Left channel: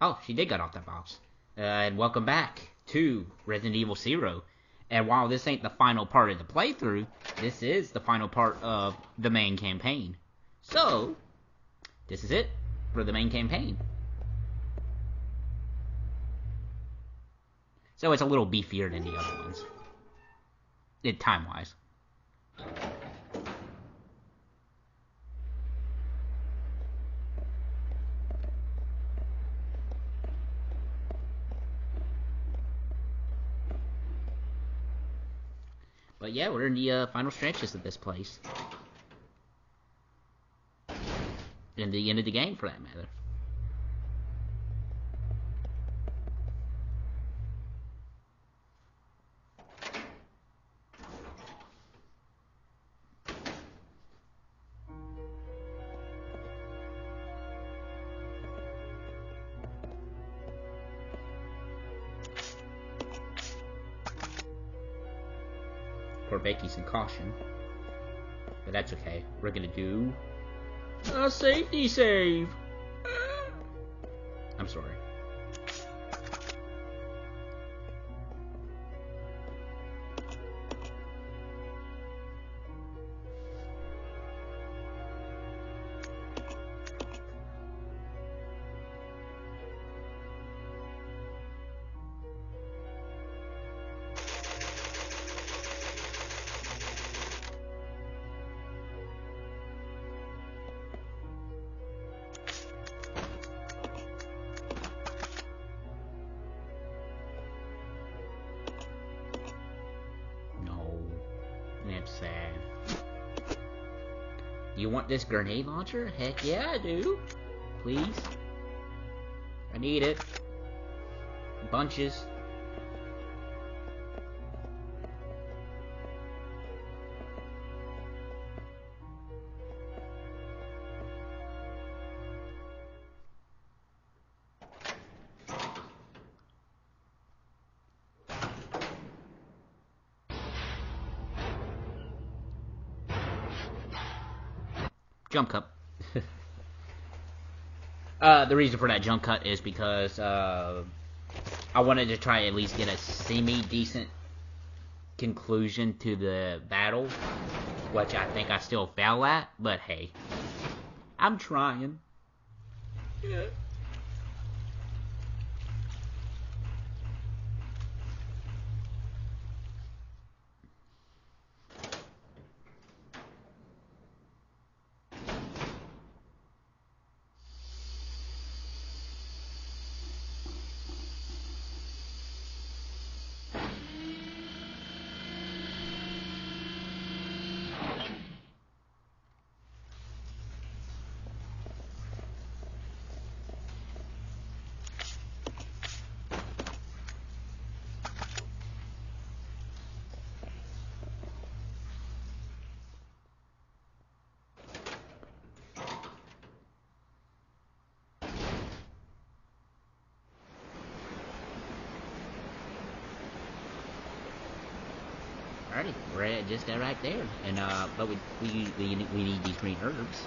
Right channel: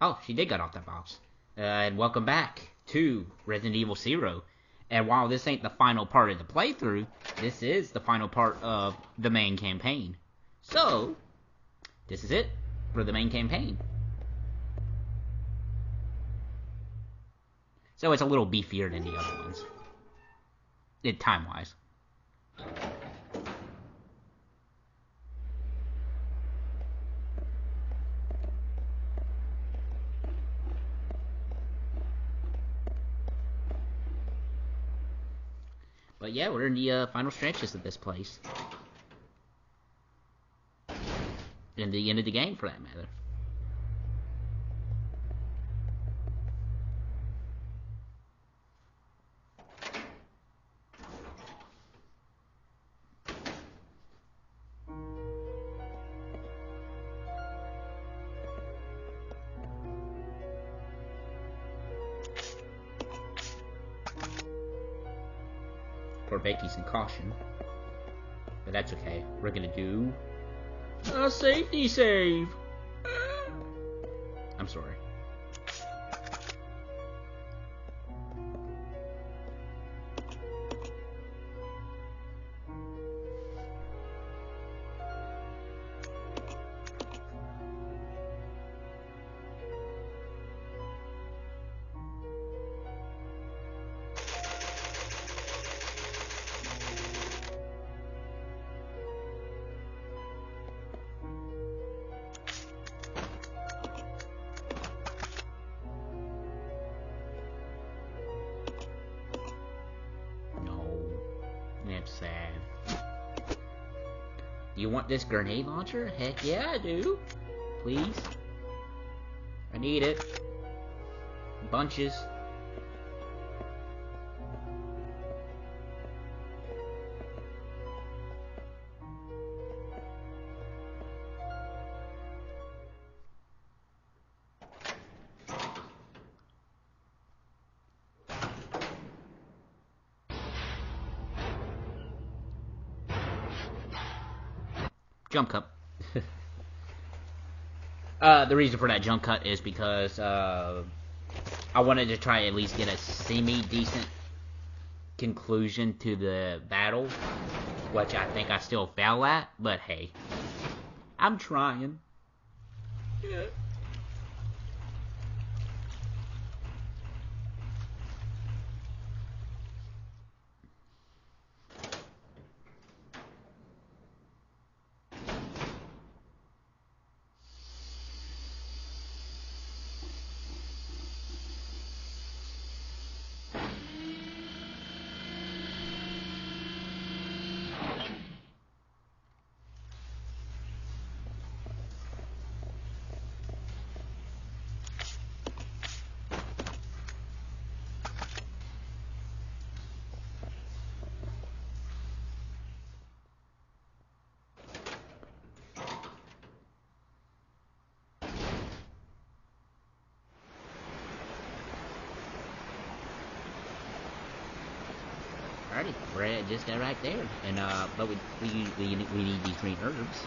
Oh, she did get off that box. And welcome back to Resident Evil Zero. And while this ain't the final part of the playthrough, this is the final part of the main campaign. So, this is it for the main campaign. So it's a little beefier than the other ones. Time-wise. But yeah, we're in the final stretches of this place. And the end of the game, for that matter. Poor Becky's in caution. But that's okay. We're gonna do a safety save. I'm sorry. That's sad. You want this grenade launcher? Heck yeah, I do. Please. I need it. Bunches. Jump cut. The reason for that jump cut is because I wanted to try at least get a semi-decent conclusion to the battle, which I think I still fail at, but hey, I'm trying. Yeah. Alrighty, we're at just right there, and but we need these green herbs,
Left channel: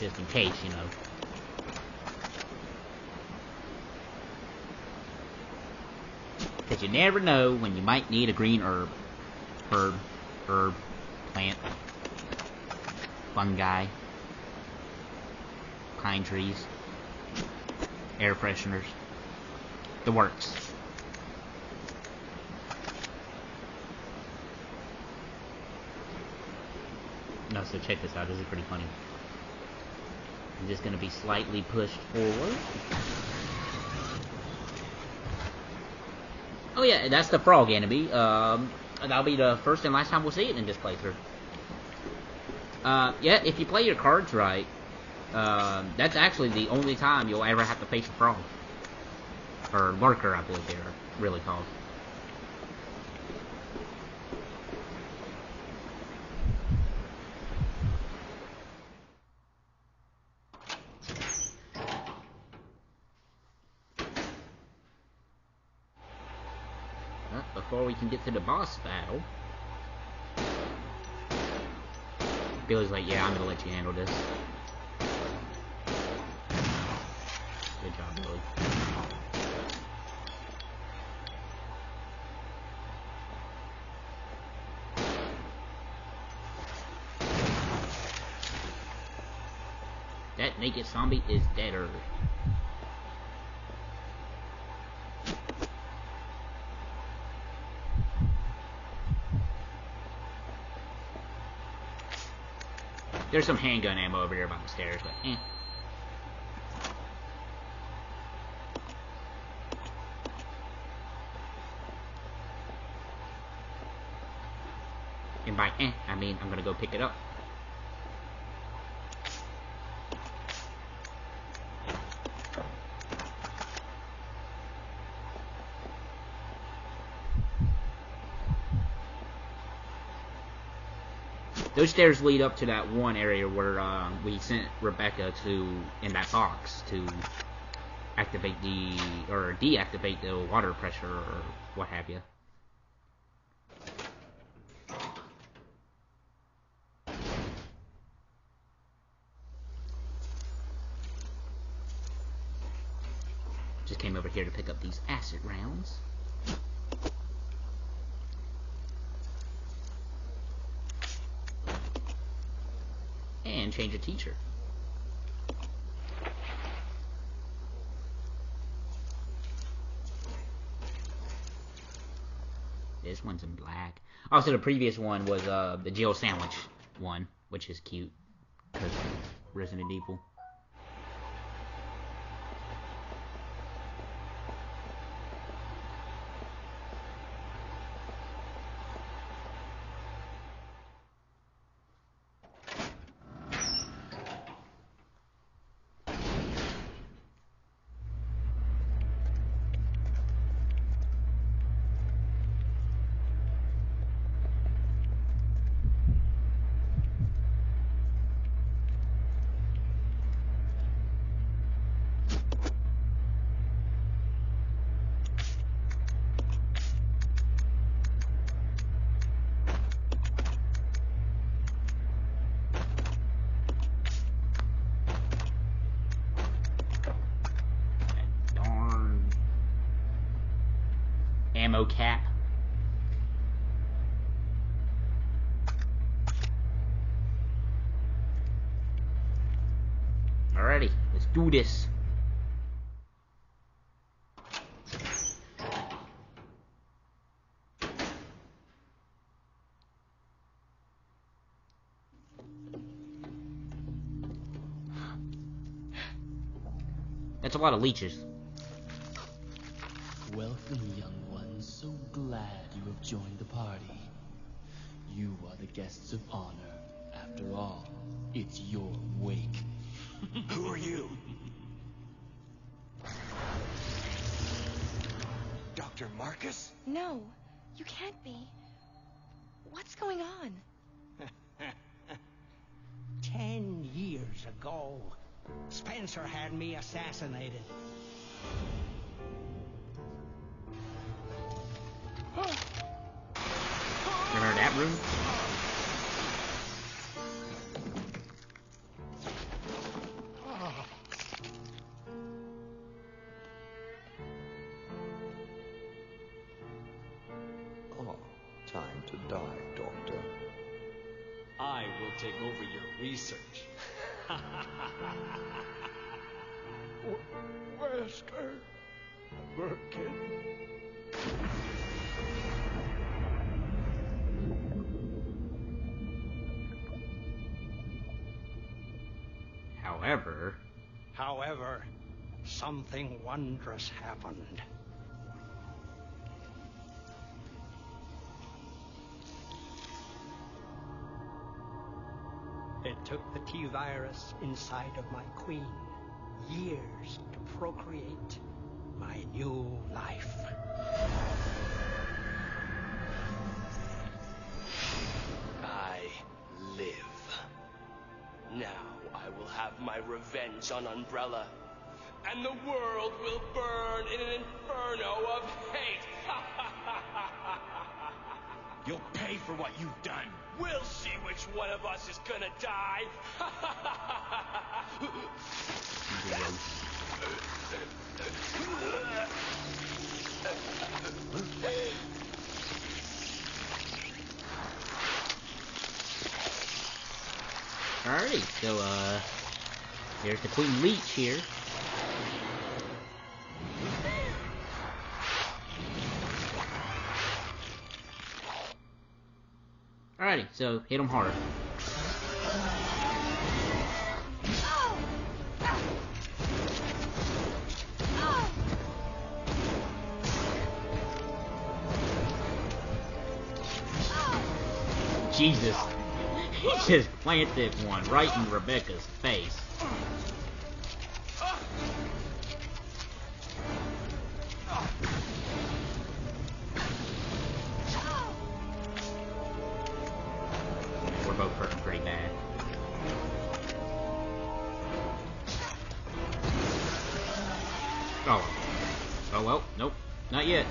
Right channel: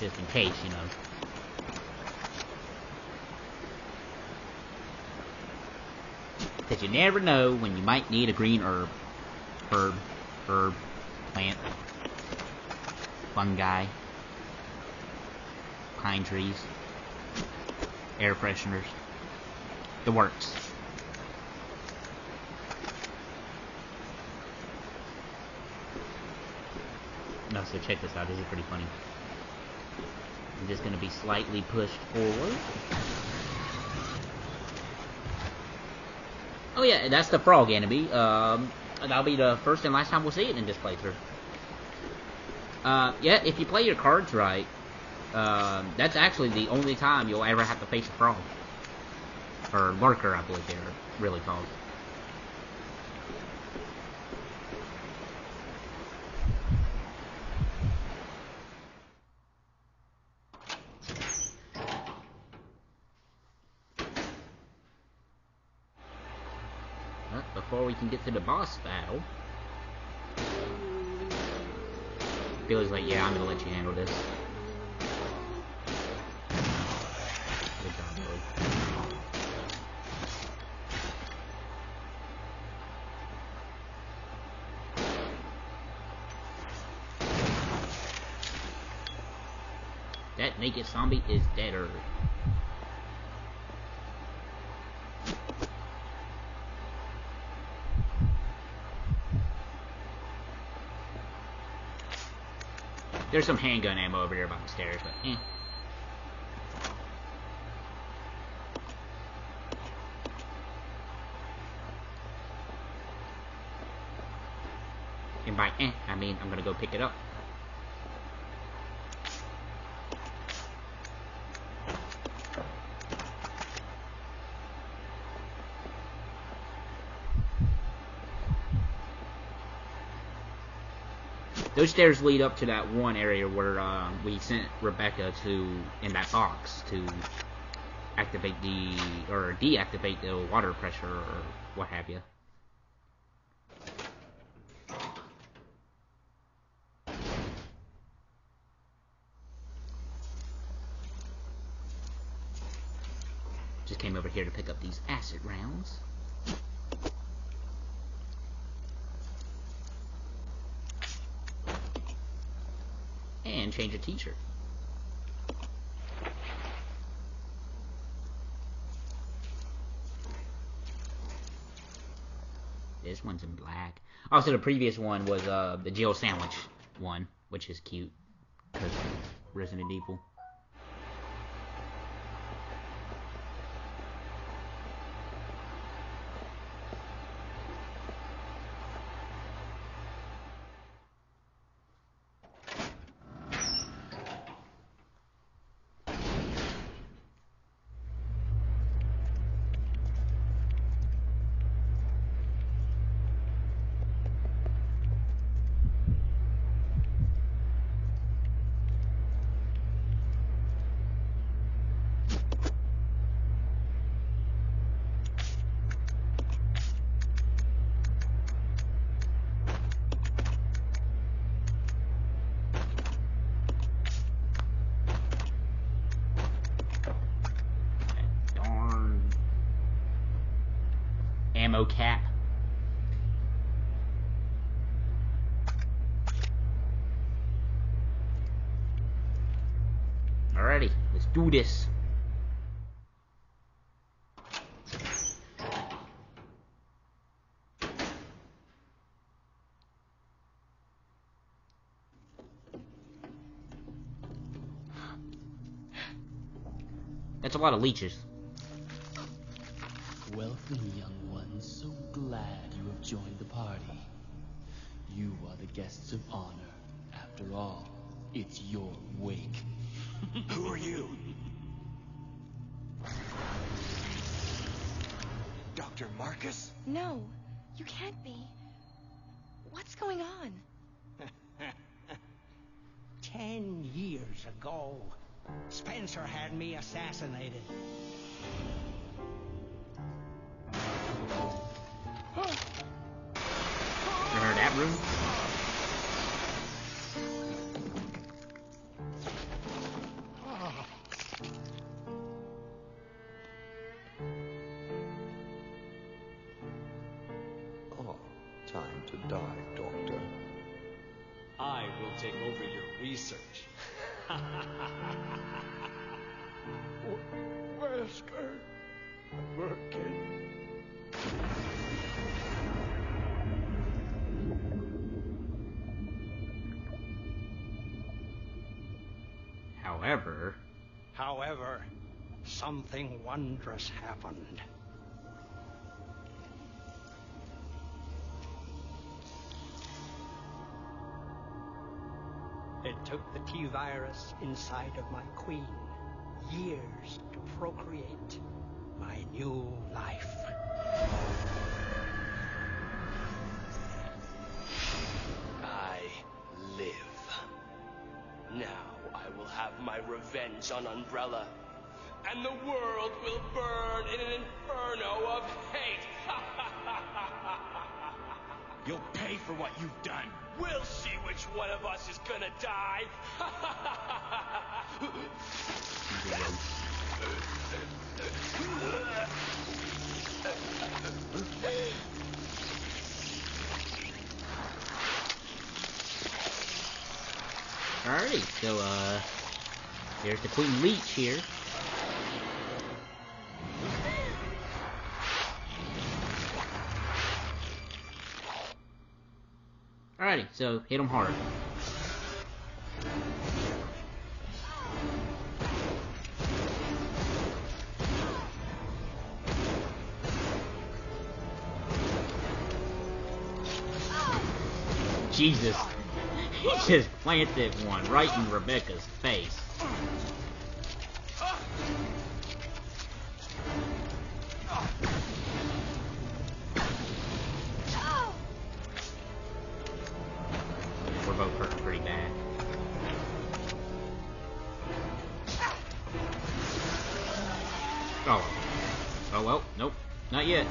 just in case, you know. Because you never know when you might need a green herb, plant, fungi, pine trees, air fresheners, the works. No, so check this out. This is pretty funny. I'm just gonna be slightly pushed forward. Oh yeah, that's the frog enemy. That'll be the first and last time we'll see it in this playthrough. Yeah, if you play your cards right, that's actually the only time you'll ever have to face a frog. Or lurker, I believe they're really called. Before we can get to the boss battle, Billy's like, yeah, I'm gonna let you handle this. That naked zombie is deader. There's some handgun ammo over there by the stairs, but eh. And by eh, I mean I'm gonna go pick it up. Those stairs lead up to that one area where we sent Rebecca to, in that box, to activate the, or deactivate the water pressure or what have you. Just came over here to pick up these acid rounds. And change a t-shirt. This one's in black. Also, the previous one was the Jill Sandwich one, which is cute because Resident Evil. Ammo cap. Alrighty, let's do this. That's a lot of leeches. Welcome, young ones. So glad you have joined the party. You are the guests of honor. After all, it's your wake. Who are you? Dr. Marcus? No, you can't be. What's going on? 10 years ago, Spencer had me assassinated. Remember that room? Oh, time to die, Doctor. I will take over your research. Wesker, Birkin. However, something wondrous happened. It took the T-virus inside of my queen years to procreate my new life. I live. Now I will have my revenge on Umbrella, and the world will burn in an inferno of hate. You'll pay for what you've done. We'll see which one of us is gonna die. Alrighty, so There's the Queen Leech here. Alrighty, so hit him hard. Jesus. He just planted one right in Rebecca's face. We're both hurting pretty bad. Oh. Oh well, nope. Not yet.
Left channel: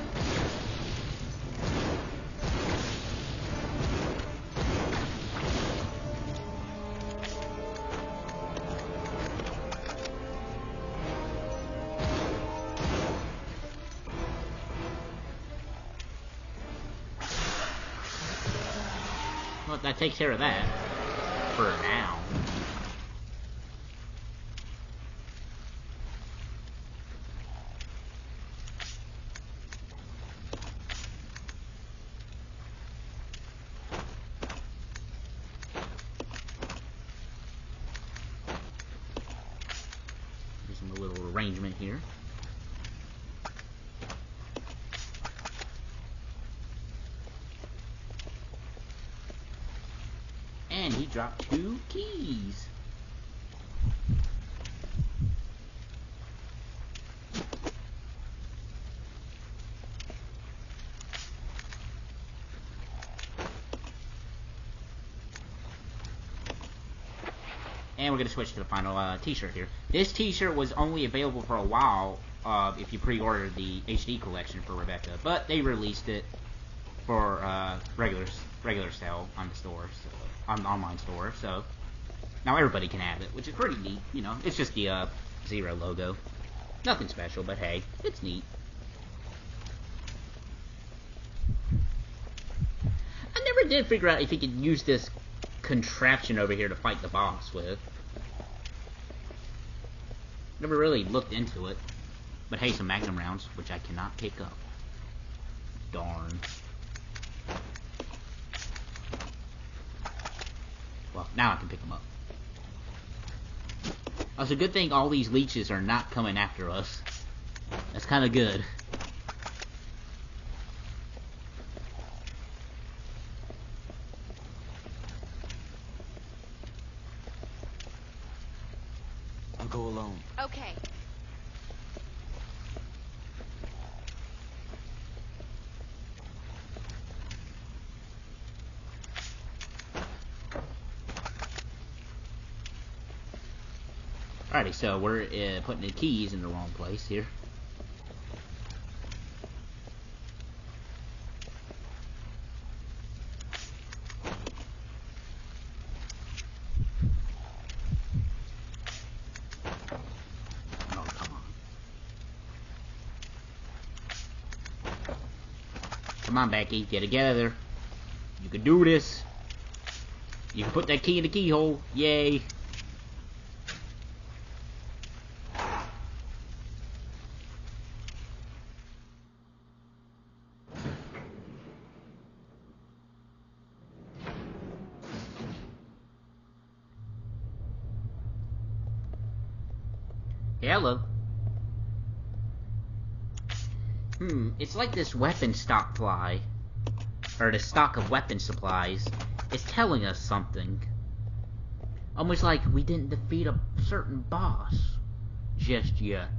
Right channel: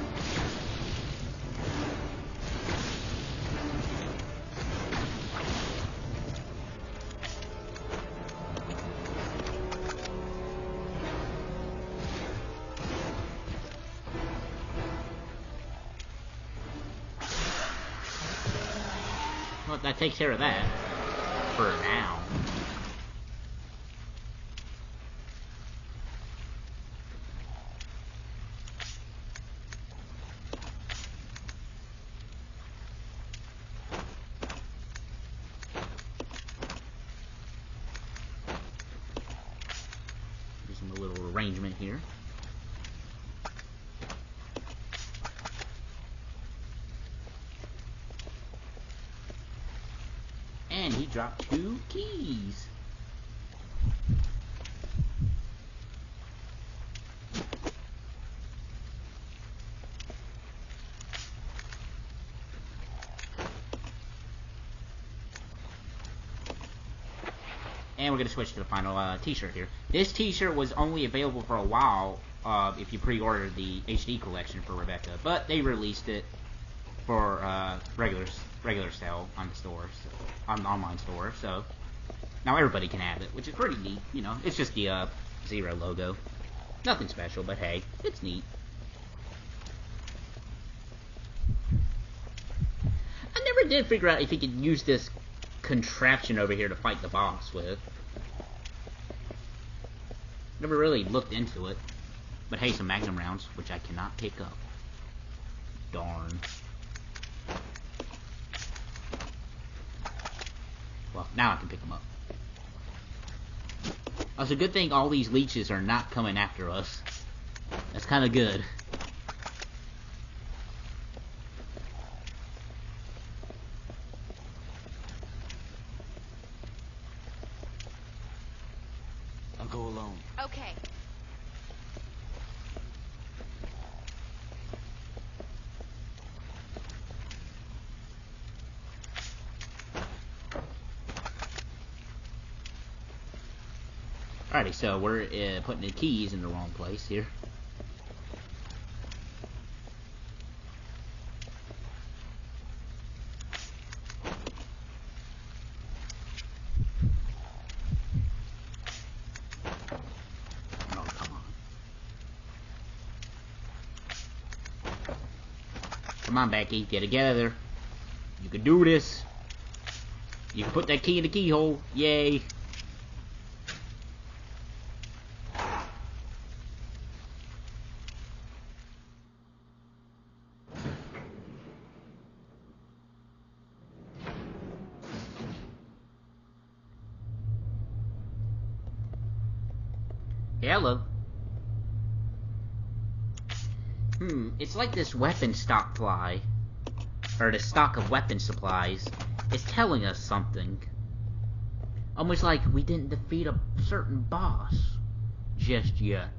Well, that takes care of that. For now. Do some little arrangement here. And he dropped 2 keys. And we're going to switch to the final t-shirt here. This t-shirt was only available for a while if you pre-ordered the HD collection for Rebecca, but they released it for regular sale on the store, so, on the online store. So now everybody can have it, which is pretty neat. You know, it's just the Zero logo, nothing special, but hey, it's neat. I never did figure out if you could use this contraption over here to fight the boss with. Never really looked into it. But hey, some Magnum rounds, which I cannot pick up. Darn. Well, now I can pick them up. Oh, it's a good thing all these leeches are not coming after us. That's kind of good. I'll go alone. Okay. Alrighty, so we're putting the keys in the wrong place here. Oh, come on. Come on, Becky, get together. You can do this. You can put that key in the keyhole. Yay. Hello. It's like this weapon stock fly, or the stock of weapon supplies, is telling us something. Almost like we didn't defeat a certain boss just yet.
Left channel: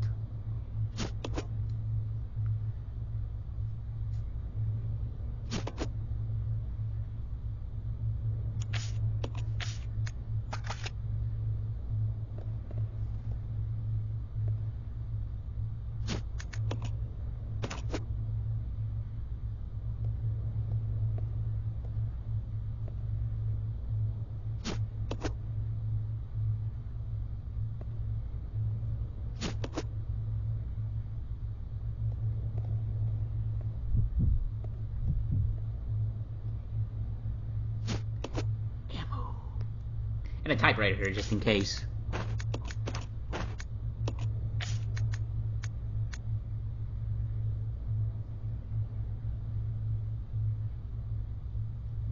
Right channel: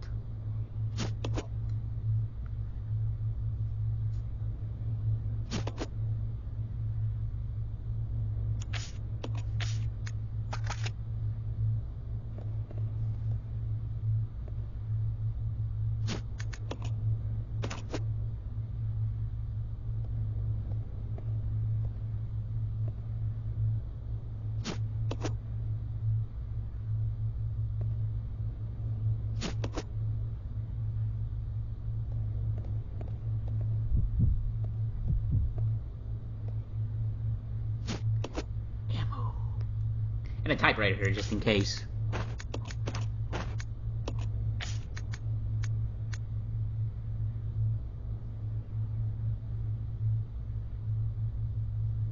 And a typewriter here, just in case.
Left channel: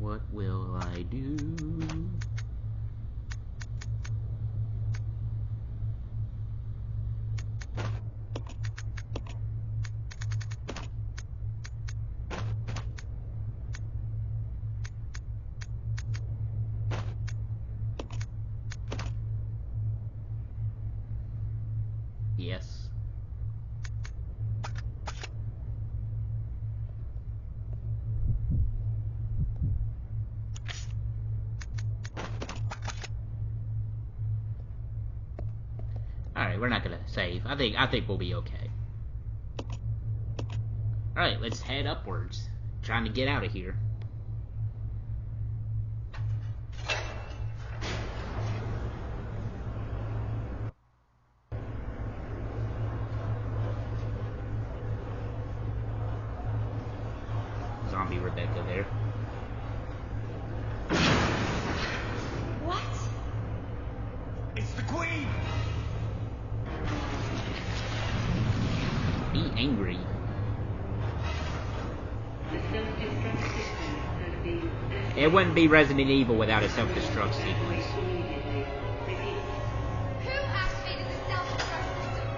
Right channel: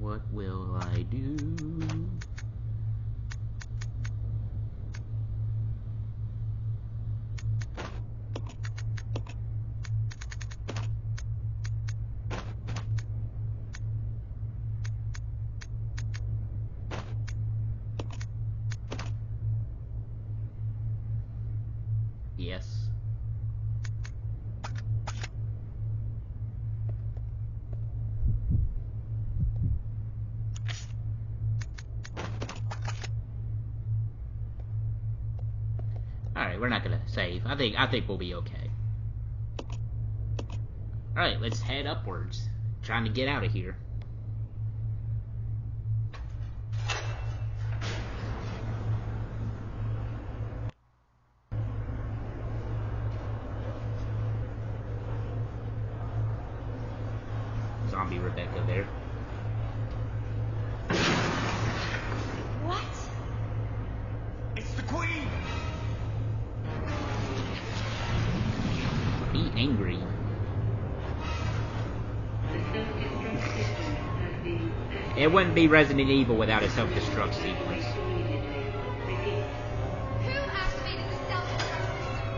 What will I do? Yes. Alright, we're not gonna save. I think we'll be okay. Alright, let's head upwards. Trying to get out of here. Zombie Rebecca there. What? It's the Queen! Be angry. The self-destruct system has been activated. It wouldn't be Resident Evil without a self-destruct sequence. Immediately. Repeat. Who activated the self-destruct system?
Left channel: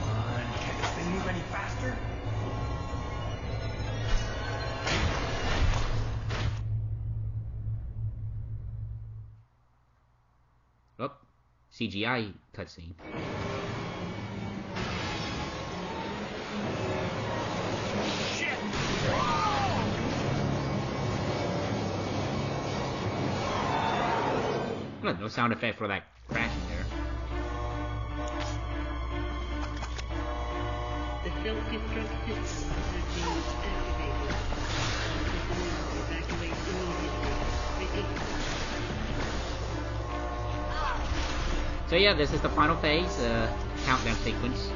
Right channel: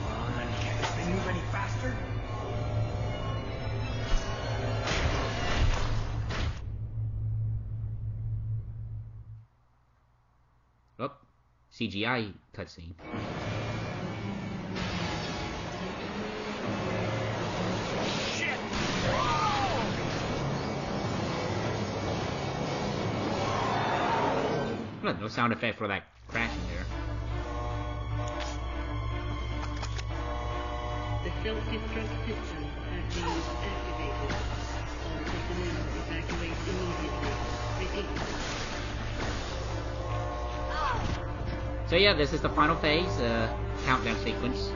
Come on, can't this thing move any faster? Oh, CGI cutscene. Shit! Look, no sound effect for that crashing there. The self-destruct system has been activated. All personnel evacuate immediately. Repeat. So yeah, this is the final phase, countdown sequence.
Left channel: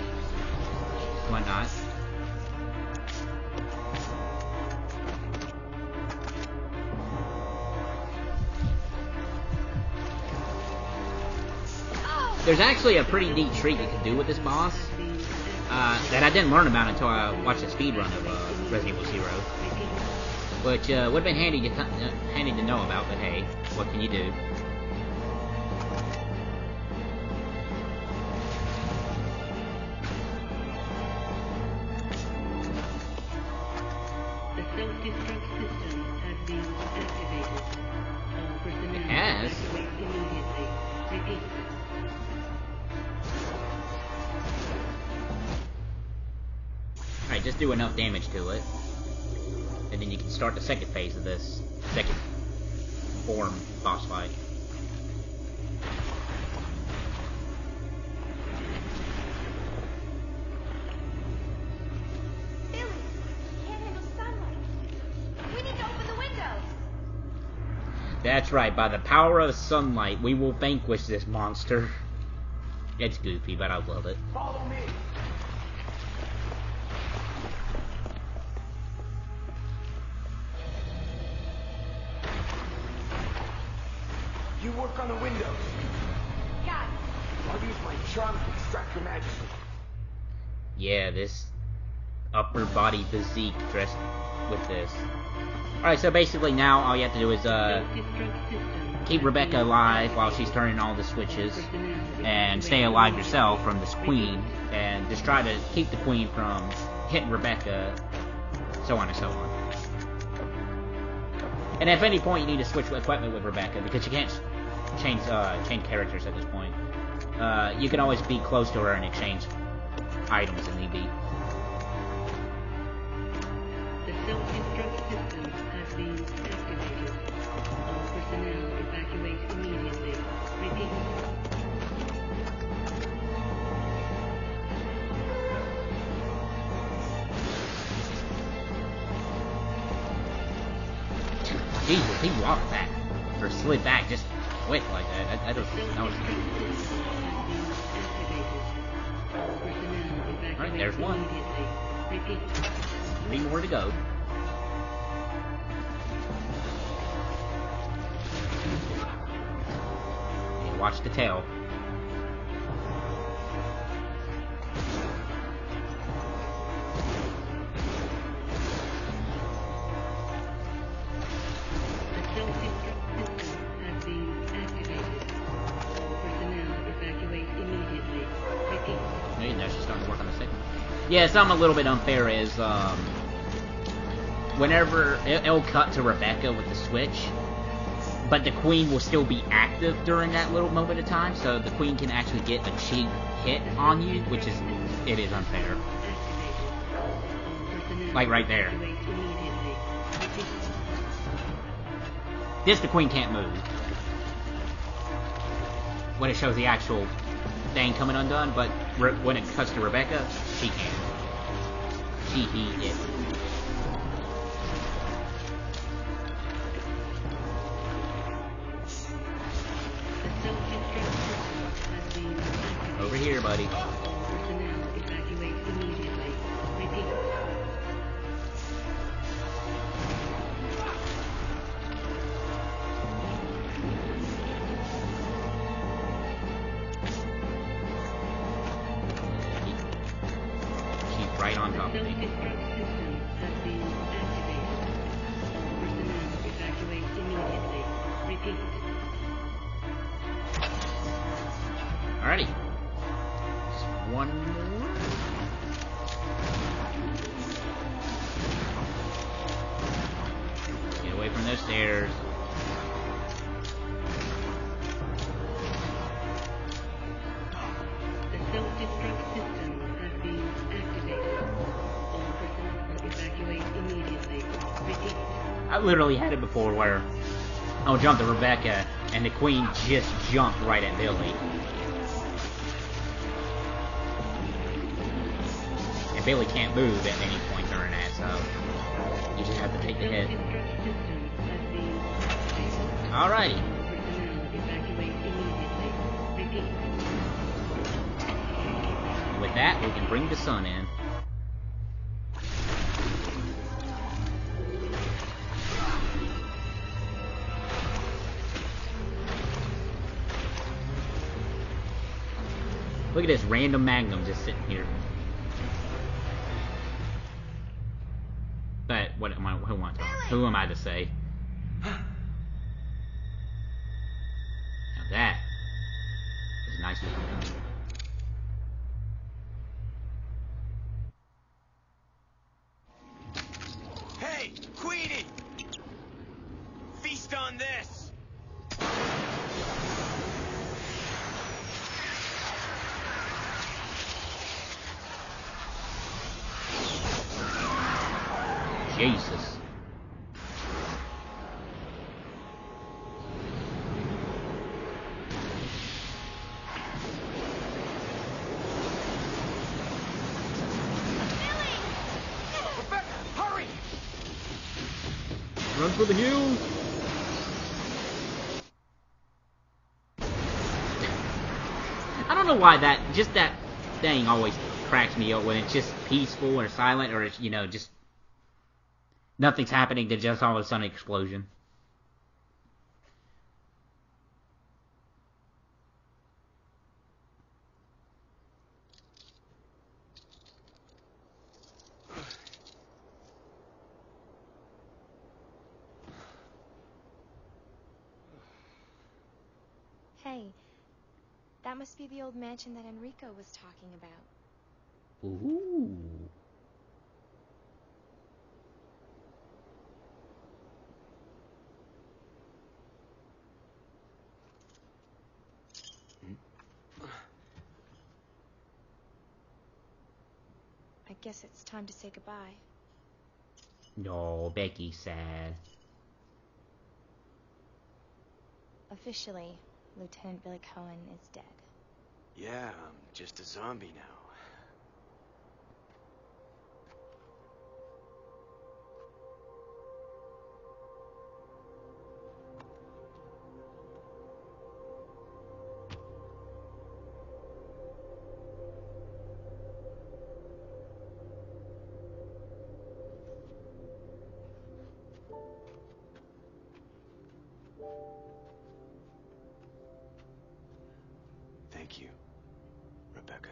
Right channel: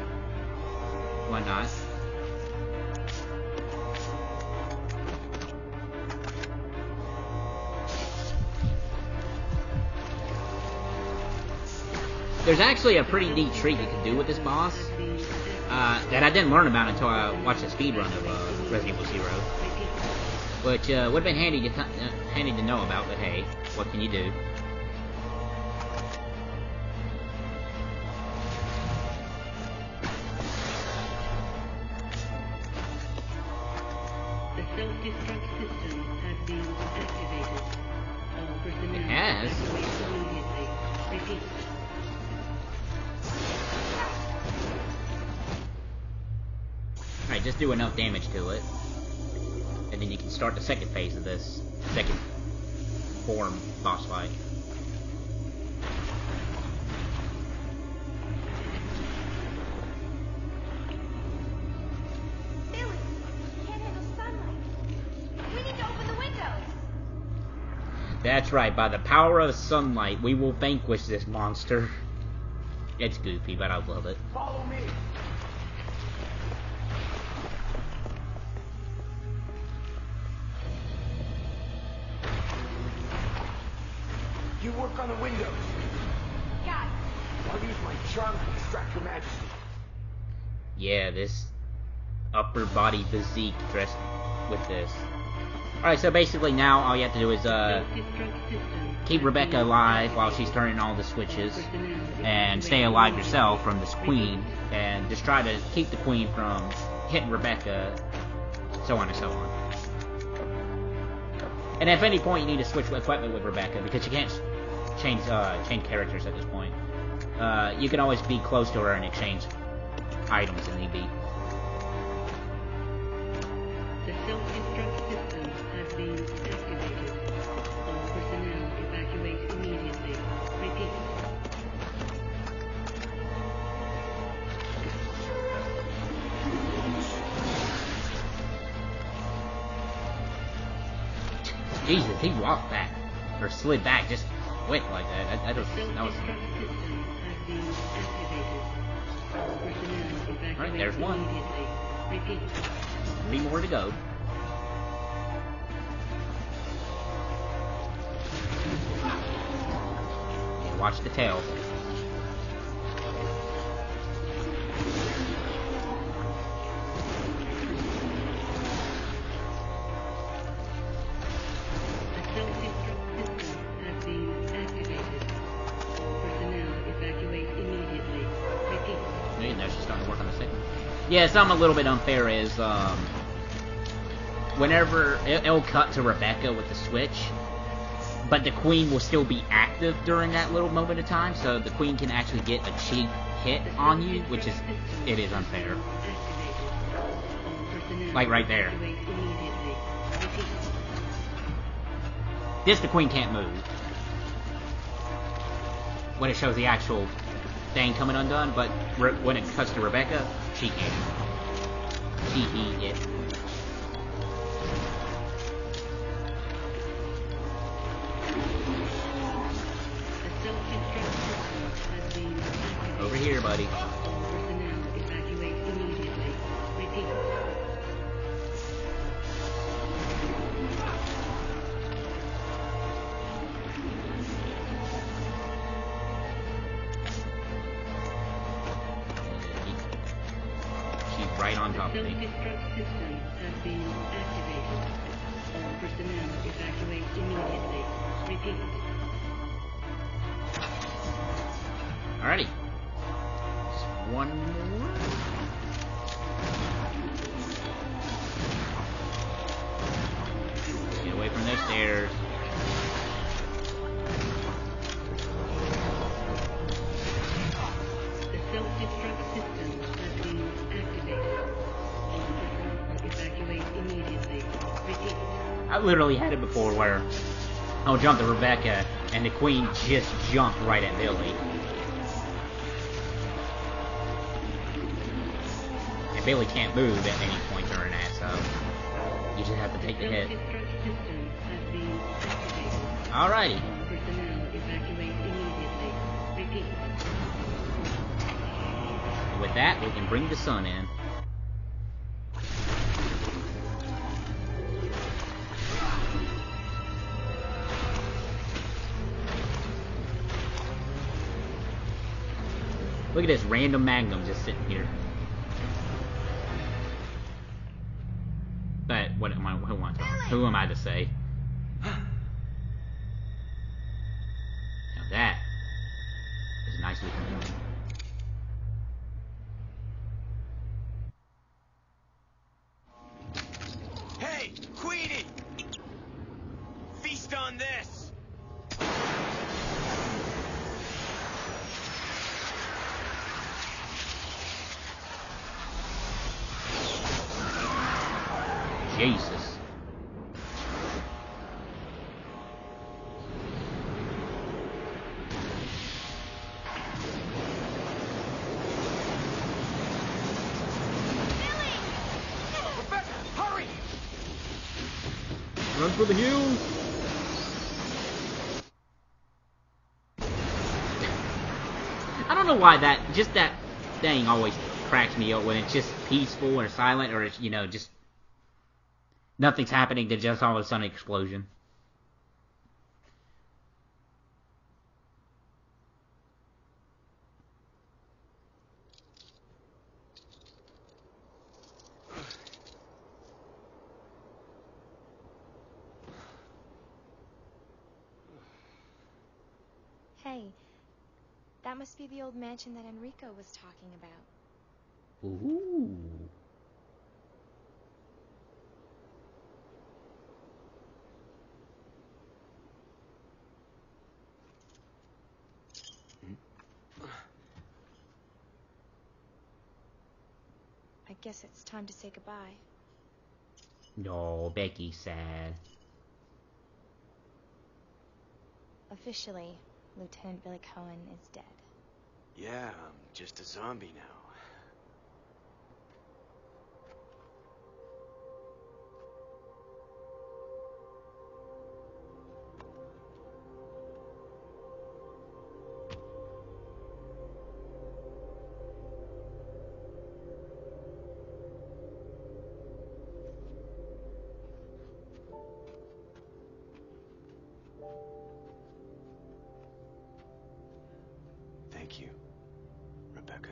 Whatnot. There's actually a pretty neat treat you can do with this boss that I didn't learn about until I watched a speedrun of Resident Evil Zero, which would have been handy to know about. But hey, what can you do? The self-destruct system has been activated. All personnel It has? evacuate immediately. Repeat. Alright, just do enough damage to it, and then you can start the second phase of this second form boss fight. Billy, we can't handle sunlight. We need to open the windows. That's right, by the power of sunlight, we will vanquish this monster. It's goofy, but I love it. Follow me! You work on the windows. Got it. I'll use my charm to distract your majesty. Yeah, this upper body physique dressed with this. Alright, so basically now all you have to do is Self-destruct system keep has Rebecca been alive while activated. she's turning all the switches, Personnel and evacuate stay alive immediately. yourself from this queen, Repeat. and just try to keep the queen from hitting Rebecca, so on and so on. And if at any point you need to switch equipment with Rebecca, because you can't change characters at this point, you can always be close to her and exchange items if need be. The self-destruct system has been activated. All personnel evacuate immediately. Repeat. Jesus, he walked back, or slid back just quick like that. The That was... self-destruct system has been activated. All personnel evacuate Alright, there's one. immediately. Repeat. 3 more to go. Yeah, watch the tail. The Yeah, something a little bit unfair is, whenever it'll cut to Rebecca with the switch, but the queen will still be active during that little moment of time, so the queen can actually get a cheap hit on you, which is, it is unfair. Like right there. This, the queen can't move. When it shows the actual thing coming undone, but when it cuts to Rebecca, she can. It. Over here, buddy. Personnel evacuate immediately. Repeat. She's right on top of me. Self-destruct system has been activated. All personnel evacuate immediately. Repeat. Alrighty. Just one more. Get away from those stairs. The self-destruct system has been activated. All personnel evacuate immediately. Repeat. I literally had it before where I'll jump to Rebecca and the queen just jumped right at Billy. And Billy can't move at any point during that, so you just have to take the hit. Self-destruct system has been activated. Alrighty. All personnel evacuate immediately. Repeat. With that, we can bring the sun in. Look at this random Magnum just sitting here. But what am I? Who am I to say? Now that is nicely done. Hey, Queenie! Feast on this! Jesus. Rebecca, hurry! Run for the hills! I don't know why that thing always cracks me up when it's just peaceful or silent or it's, you know, just nothing's happening to just all of a sudden explosion. Hey, that must be the old mansion that Enrico was talking about. Ooh. I guess it's time to say goodbye. No, Becky's sad. Officially, Lieutenant Billy Cohen is dead. Yeah, I'm just a zombie now. Thank you, Rebecca.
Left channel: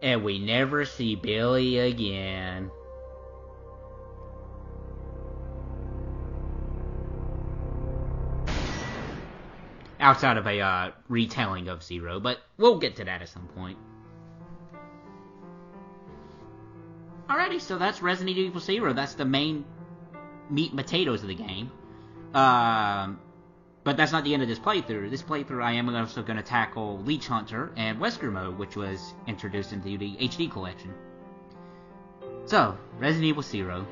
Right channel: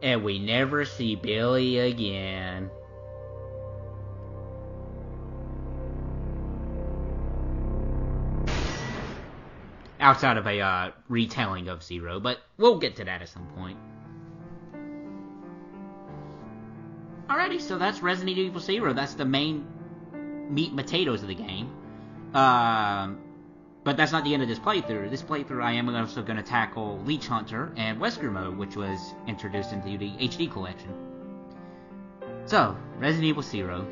And we never see Billy again. outside of a retelling of Zero, but we'll get to that at some point. Alrighty, so that's Resident Evil Zero. That's the main meat and potatoes of the game. But that's not the end of this playthrough. This playthrough, I am also going to tackle Leech Hunter and Wesker Mode, which was introduced into the HD collection. So, Resident Evil Zero.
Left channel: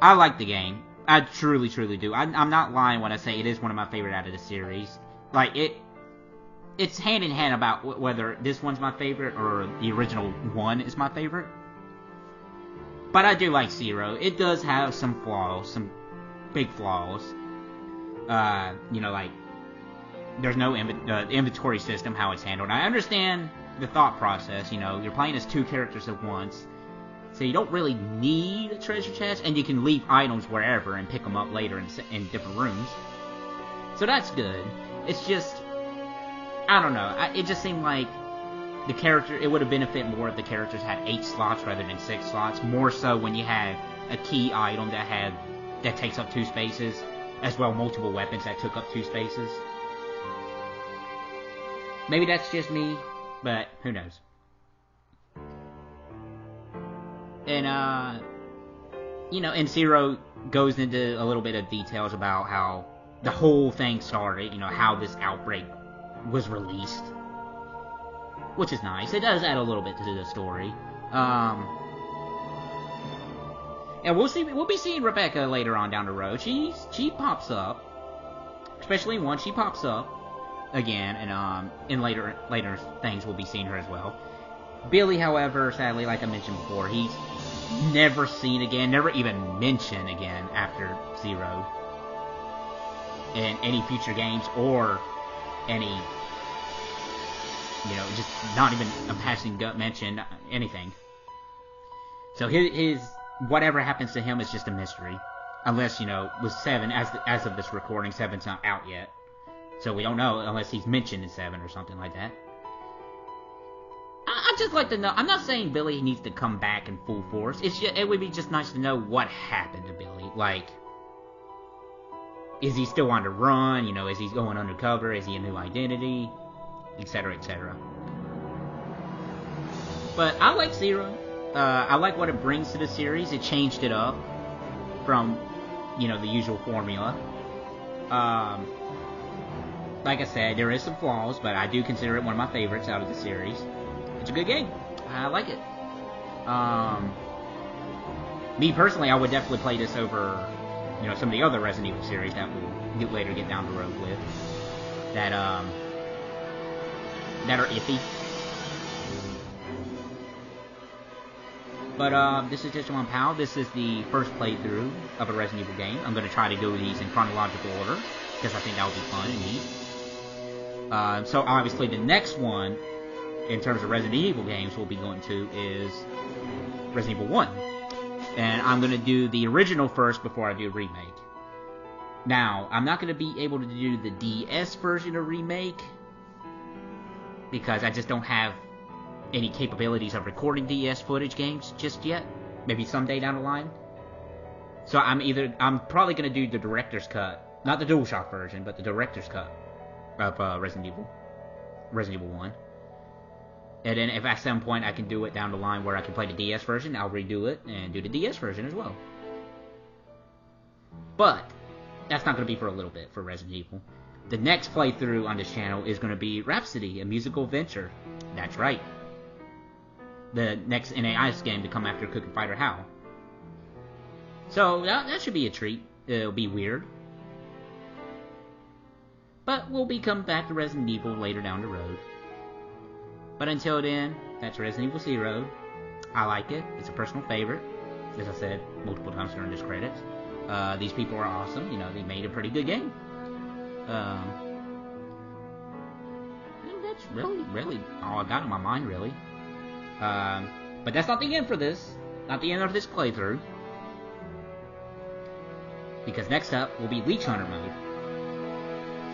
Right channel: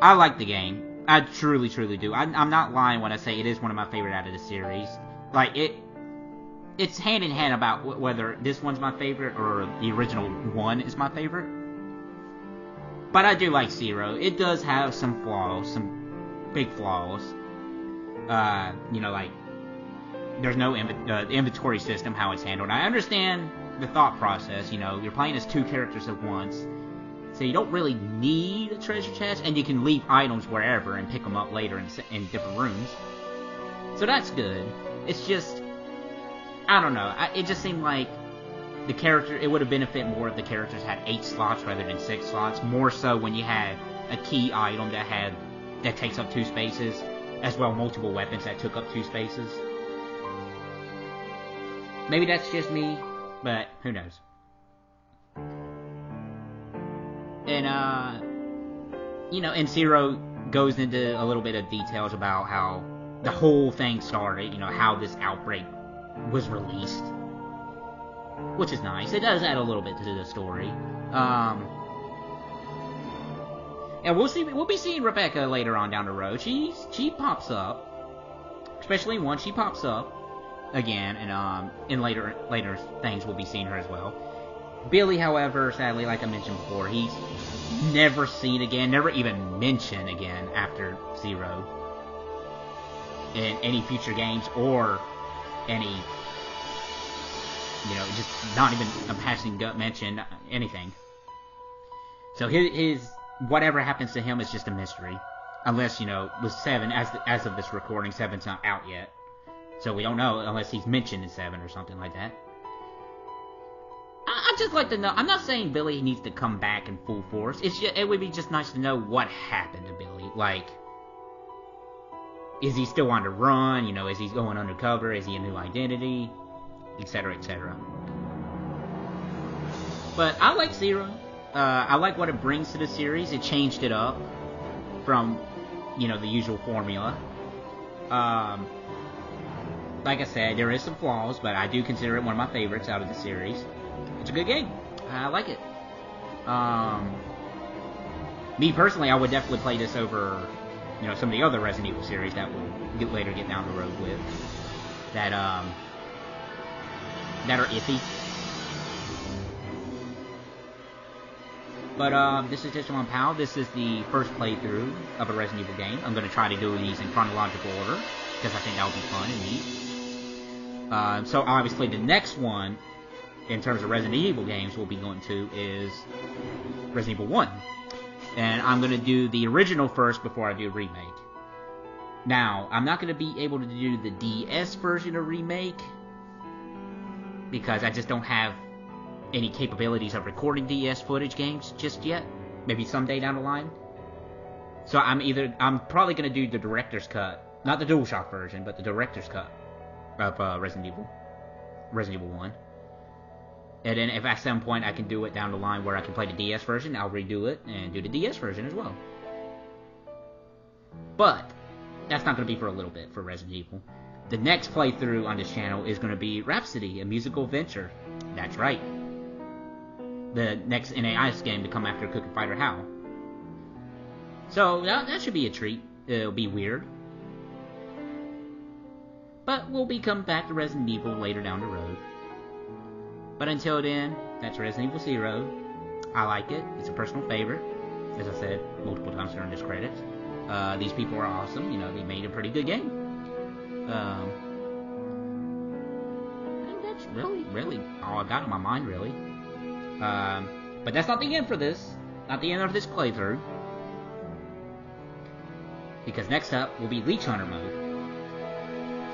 I like the game. I truly, truly do. I'm not lying when I say it is one of my favorite out of the series. Like, it's hand in hand about whether this one's my favorite or the original one is my favorite. But I do like Zero. It does have some flaws, some big flaws. Like, there's no inventory system, how it's handled. I understand the thought process, you're playing as two characters at once, so you don't really need a treasure chest, and you can leave items wherever and pick them up later in different rooms. So that's good. It's just, I don't know, it just seemed like it would have benefited more if the characters had 8 slots rather than 6 slots, more so when you had a key item that takes up 2 spaces, as well multiple weapons that took up 2 spaces. Maybe that's just me, but who knows. And, and Zero goes into a little bit of details about how the whole thing started, how this outbreak was released. Which is nice. It does add a little bit to the story. And we'll be seeing Rebecca later on down the road. She pops up. Especially once she pops up again, and in later things we'll be seeing her as well. Billy, however, sadly, like I mentioned before, he's never seen again, never even mentioned again after Zero in any future games or any, just not even a passing gut mention, anything. So his whatever happens to him is just a mystery. Unless, with 7, as of this recording, 7's not out yet. So we don't know unless he's mentioned in 7 or something like that. I'd just like to know. I'm not saying Billy needs to come back in full force. It would be just nice to know what happened to Billy. Like, is he still on the run? Is he going undercover? Is he a new identity? Etc., etc. But I like Zero. I like what it brings to the series. It changed it up from, the usual formula. Like I said, there is some flaws, but I do consider it one of my favorites out of the series. It's a good game. I like it. Me personally, I would definitely play this over, some of the other Resident Evil series that we'll later get down the road with. That are iffy. But, this is just one pal. This is the first playthrough of a Resident Evil game. I'm going to try to do these in chronological order, because I think that would be fun and neat. So, obviously, the next one, in terms of Resident Evil games, we'll be going to is Resident Evil 1. And I'm going to do the original first before I do remake. Now, I'm not going to be able to do the DS version of remake, because I just don't have any capabilities of recording DS footage games just yet. Maybe someday down the line. So I'm probably going to do the director's cut. Not the DualShock version, but the director's cut of Resident Evil 1. And then if at some point I can do it down the line where I can play the DS version, I'll redo it and do the DS version as well. But that's not going to be for a little bit for Resident Evil. The next playthrough on this channel is going to be Rhapsody, a musical adventure. That's right. The next NAIS game to come after Cooking Fighter HAL. So that should be a treat. It'll be weird. But we'll be coming back to Resident Evil later down the road. But until then, that's Resident Evil Zero. I like it. It's a personal favorite. As I said multiple times during this credits. These people are awesome. They made a pretty good game. I think that's really all I got on my mind, really. But that's not the end for this. Not the end of this playthrough. Because next up will be Leech Hunter mode.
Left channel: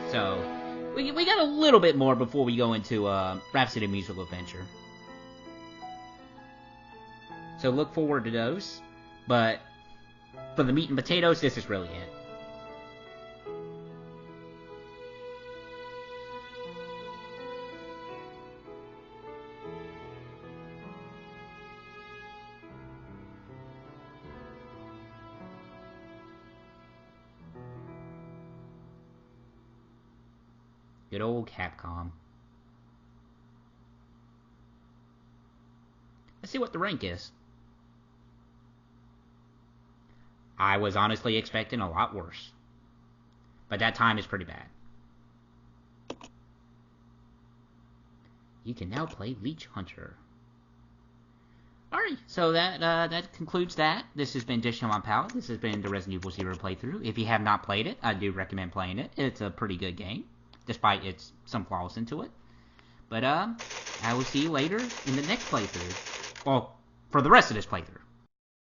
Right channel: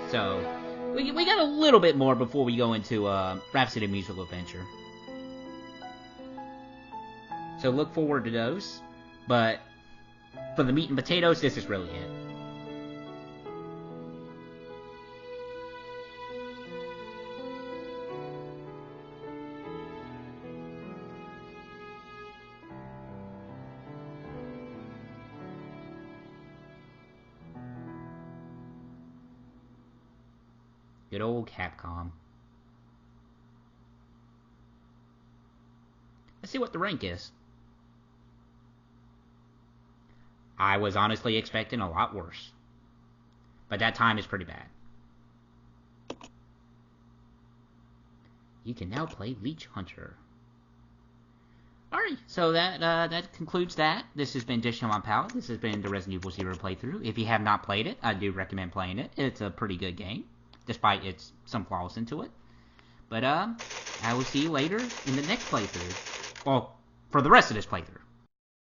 So, we got a little bit more before we go into Rhapsody Musical Adventure. So look forward to those. But for the meat and potatoes, this is really it. Good old Capcom. Let's see what the rank is. I was honestly expecting a lot worse. But that time is pretty bad. You can now play Leech Hunter. Alright, so that concludes that. This has been Dishing on Palette. This has been the Resident Evil 0 playthrough. If you have not played it, I do recommend playing it. It's a pretty good game, despite some flaws into it. But I will see you later in the next playthrough. Well, for the rest of this playthrough.